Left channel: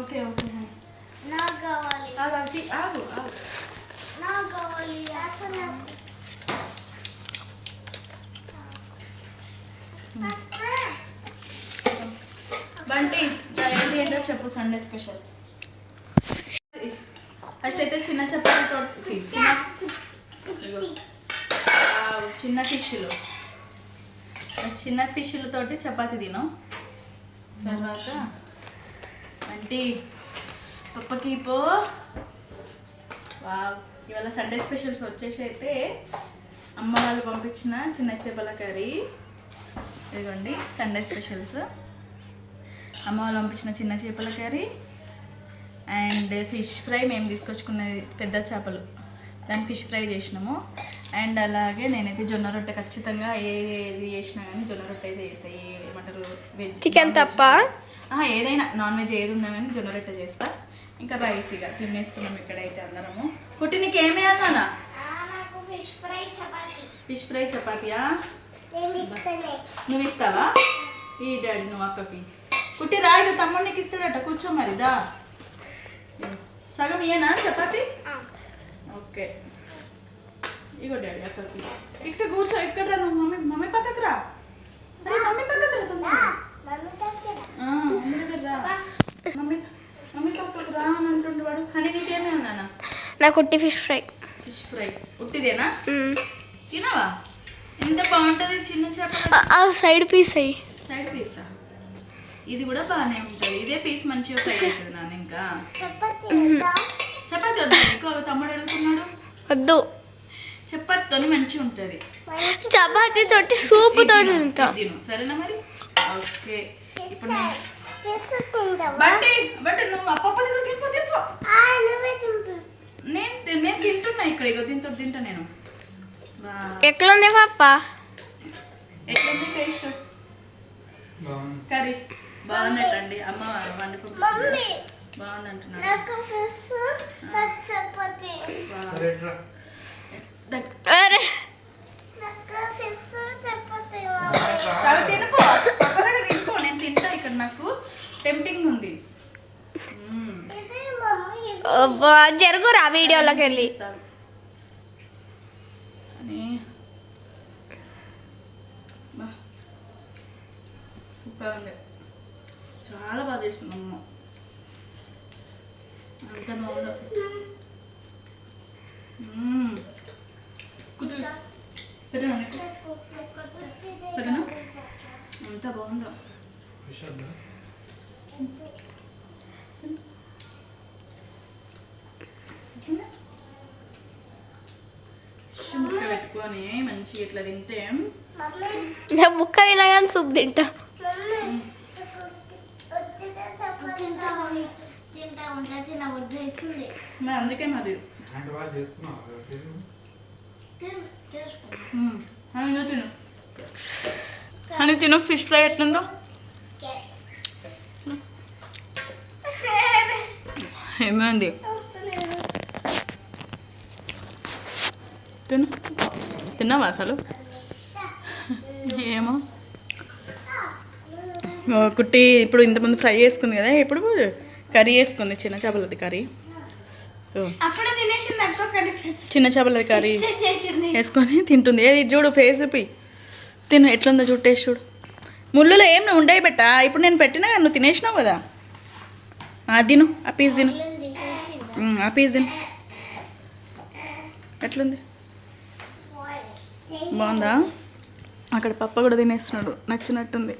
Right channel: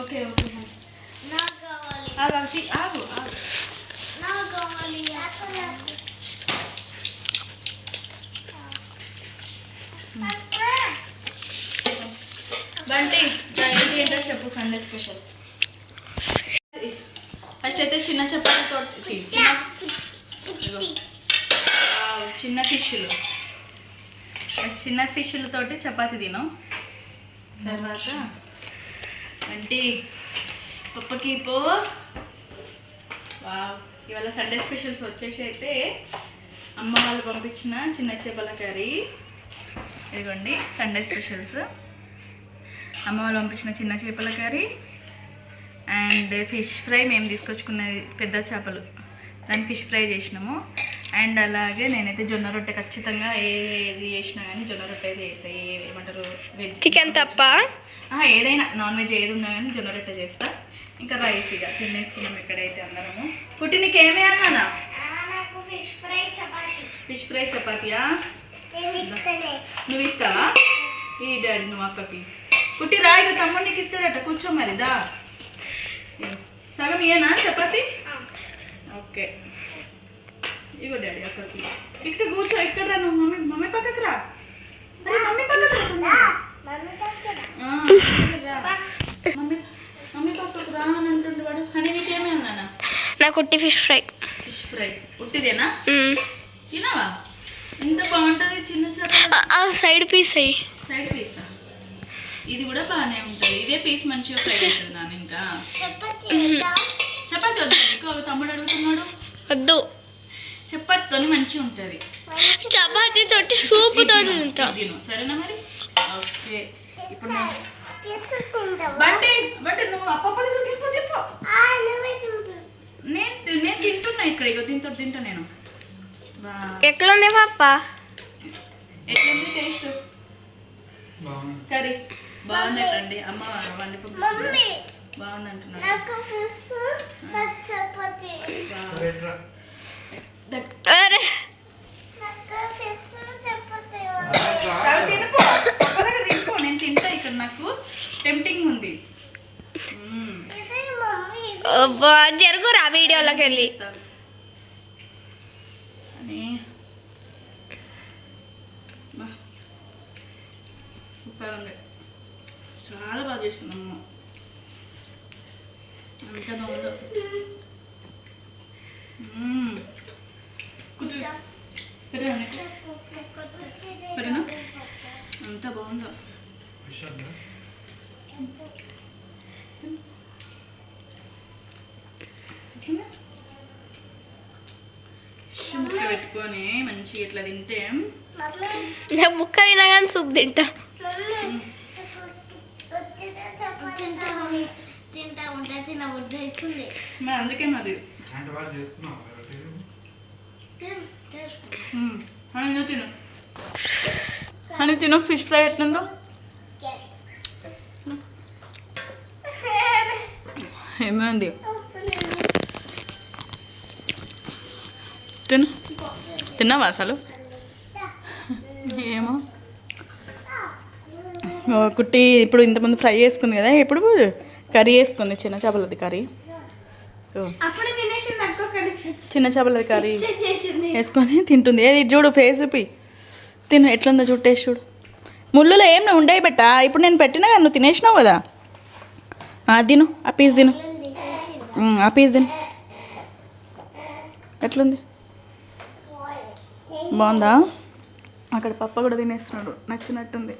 Okay okay నాకు కావాలి. ఆగు నాకు కావాలి. బంటి ఏంటి ఏంటో చెప్పు సండే స్పెషల్. ఫస్ట్ అయితే చిన్న చపాతీతో చిన్న ఫిష్లతోటి చపాతీ తిను. తర్వాత అంటే పప్పకి పో. ఇవాళ సండే స్పెషల్స్ వచ్చేసి అయితే అమ్మ వాళ్ళు పంపించిన చిన్న చేపల కర్రీ. ఇదిగోండి సండే స్పెషల్స్. అమ్మ వాళ్ళు పంపించిన చిన్న చేపల కర్రీ అండ్ ఫిష్ ఫ్రై. మేము తీసుకొచ్చుకున్నది పెద్ద చేపలు, దాన్ని ఫిష్ ఫ్రై చేసినాము. అండ్ అలాగే నేనైతే జొన్న రొట్టె ఖచ్చితంగా ఏది చేసినా కానీ జొన్న రొట్టె అయితే చేస్తాను. ఏమంటారు వెజ్ చికెన్ తప్ప ఏదైనా నాన్ వెజ్ ఏది ఉన్నా కానీ జొన్న రొట్టె చేస్తా. ఇంకా రైస్ ఇక తినేస్తున్నాం ఇక్కడైతే అందరము. కుట్టి నీకు ఏమేయాలన్నా? Fish fry చపాతీయా? నువ్వు ఇస్తావా? ఈ డాడీ నువ్వు అక్కకి. కుట్టి రాయిగా తమ్ముడు నీకు ఇస్తాడట. కూర్చో మరి దా. సగం ఇయేనా చపాతి? ఓకే ఇగో డాడీ అక్కకి. ఇక్కడ కూర్చో. ఇక్కడ రా నువ్వు. మమ్మీ పక్కకు రా. మమ్మీ పక్కకు రా. మమ్మీ పక్కకు రా అని అంటుండు వాడు. అని నీకేమే అన్నానా? నాకు ఉట్టి ఫిష్ ఫ్రై. ఫిష్ ఫ్రై ఉట్టిదేనా? తినవా? ఎంత బాగుంటుంది చిన్న చేప. సైడ్ పీస్ అయ్యి. సైడ్ పీసా? ఇది కూడా బాగానే ఉంటుంది. ఇదే పీస్ మంచిగా ఫ్రై అవుతుంది నాన్న. ఇంకా చపాతి వద్దు నీకు? తమ్ముడు అడుగుతున్నాడు. వద్దు. చపాతీతో మంచిగా ఉంటుంది. చపాతీ తోటి సూప్ తోటి తిను సరేనా మరి? ఓకే ఇప్పుడు బండి నువ్వు అప్పప్పది కూడా తింపో. నేను తింటున్నా ఇక్కడ. ఇగో దీంతో తింటా నేను. ఎట్లుంది పాప? ఎట్లుంది టేస్ట్? కర్రీ బాగుందటండి. అమ్మ వండి పంపించింది. బాగుంది అంటున్నాడు. తినిపో. తినిపో. నేను తింటా. ఇక్కడ నాకు టెంప్టింగ్ ఉంది. జరుగురా వీడియోలోకి వెళ్ళి. సూపర్ ఉంది. చాలా బాగా చేసింది అమ్మ. అంత బాగుందో. పెట్టనా? అంత బాగుందో. ముక్క పెట్టుకొని మంచిగా ఇట్లా తింటే. ముక్క తినా కానీ సూప్ తింటా. అందుకే మరి తిను. అని తిను. ఫిష్ ఫ్రై ఎట్లుందో? ఏమైంది? తిన్నావా అసలు? ఏమో కుట్టి ఇప్పుడు ఇంతమంది ఫ్రై చేసుకుంది కదా. ఇప్పుడు కర్రీ వేసుకుంది. చిన్న చేపలది కర్రీ. చిన్న చేపలది కర్రీ వేసుకొని తింటుంది. ఏది చూడు ఫేస్ చూపి. తిను ఎట్లుందో చూడు. టేస్ట్ చూడు. ముళ్ళులో ఏం ఉండయి బెట్ట. ఇప్పుడు నేను పెట్టినా కదా, నువ్వు తినేసినావు కదా. తిను. ఆ పీస్ తిను. ఆ పీస్ తిను. ఎట్లుంది? బాగుందా? అక్కడ పప్ప కూడా తినేస్తున్నాడు. నచ్చినట్టుంది.